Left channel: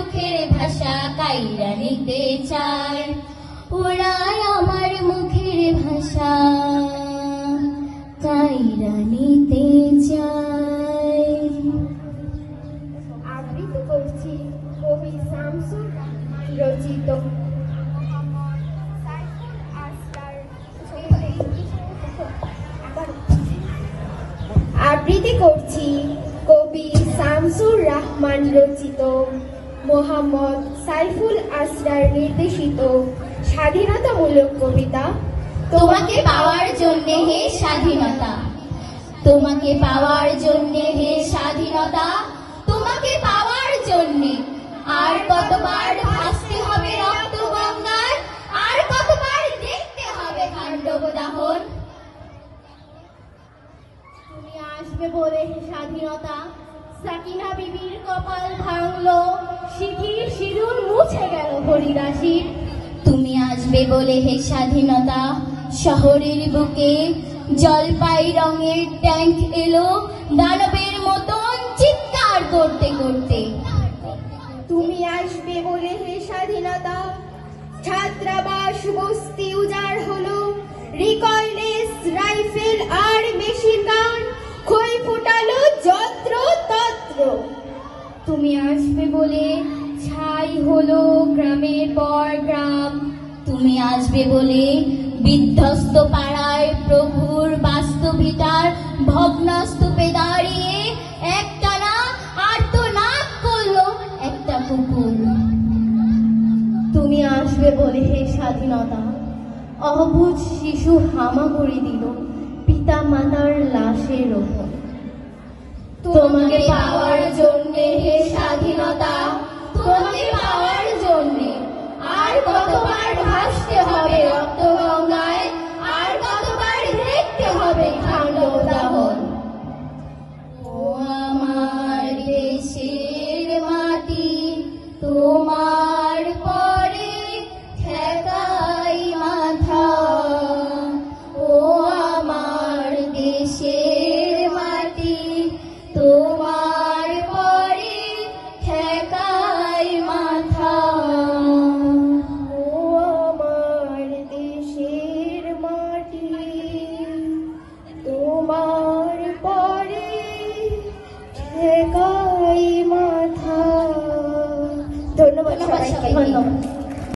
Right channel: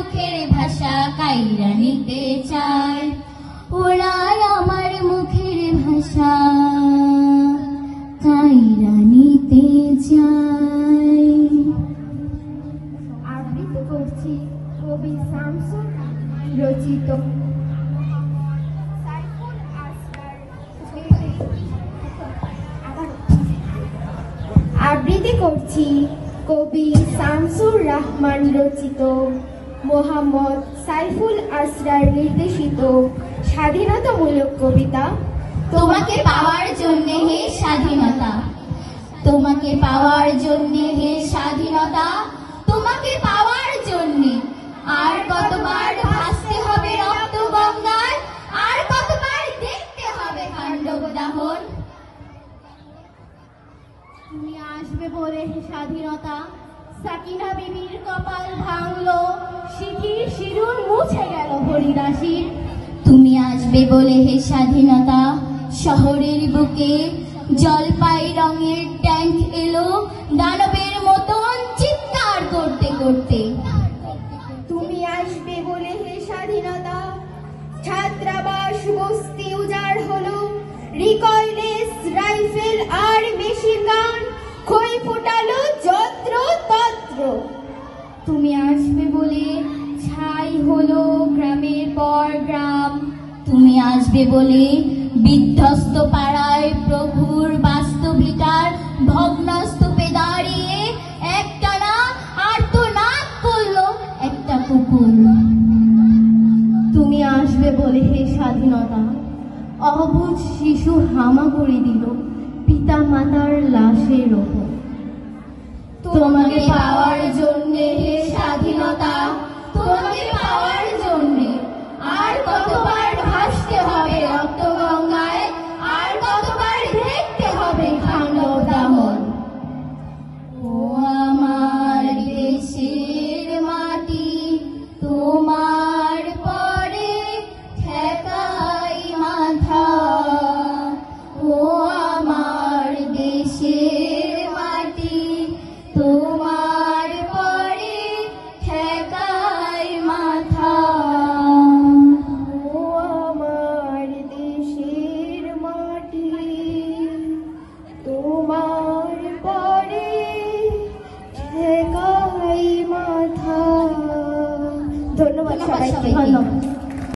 মুখের ভাষা কাইরা নিতে চায়, ওরা আমার মুখের ভাষা কাইরা নিতে চায়। আবৃত্তি করছি কবি শামসুর রহমান রচিত সাইফুল আসরার আবৃত্তি করছি কবি শামসুর রহমান রচিত মোহাম্মদ সাইফুল আসরার নির্দেশিত স্বাধীনতামূলক কবিতা তোমাকে পাওয়ার জন্যে হে স্বাধীনতা, তোমাকে পাওয়ার জন্যে হে স্বাধীনতা, তোমাকে পাওয়ার জন্যে আর কতবার ভাসতে হবে রক্ত গঙ্গায়, আর কতবার দেখতে হবে খান্ডব দাহন। তুমি আসবে বলে হে স্বাধীনতা, সাকিনা বিবির কপাল ভাঙলো, শিথির সিঁদুর মুছে গেল হরিদাসীর। তুমি আসবে বলে হে স্বাধীনতা, শহরের বুকে জলপাই রঙের ট্যাঙ্ক এলো দানবের মতন চিৎকার করতে করতে। তুমি আসবে বলে হে স্বাধীনতা, ছাত্রাবাস বস্তি উজাড় হলো, রিকললেস রাইফেল আর মেশিন গান খই ফোটালো যত্র তত্র। তুমি আসবে বলে ছাই হলো গ্রামের পর গ্রাম, তুমি আসবে বলে বিধ্বস্ত পাড়ায় প্রভুর বাস্তবিতার ভগ্নস্তূপে দাঁড়িয়ে একটানা আর্তনাদ করলো একটা কুকুর। তুমি আসবে বলে হে স্বাধীনতা, অবুঝ শিশু হামা করে দিল পিতা মাতার লাশের ওপর। তোমাকে পাওয়ার জন্যে হে স্বাধীনতা, তোমাকে পাওয়ার জন্যে আর কতবার ভাসতে হবে রক্ত গঙ্গায়, আর কতবার দেখতে হবে খান্ডব দাহন। ও আমার দেশের মাটি, তোমার পরে ঠেকাই মাথা, ও আমার দেশের মাটি, তোমার পরে ঠেকাই মাথা। ও আমার দেশের মাটি, তোমার পরে ঠেকাই মাথা। ধন্যবাদ সবাইকে। ধন্যবাদ।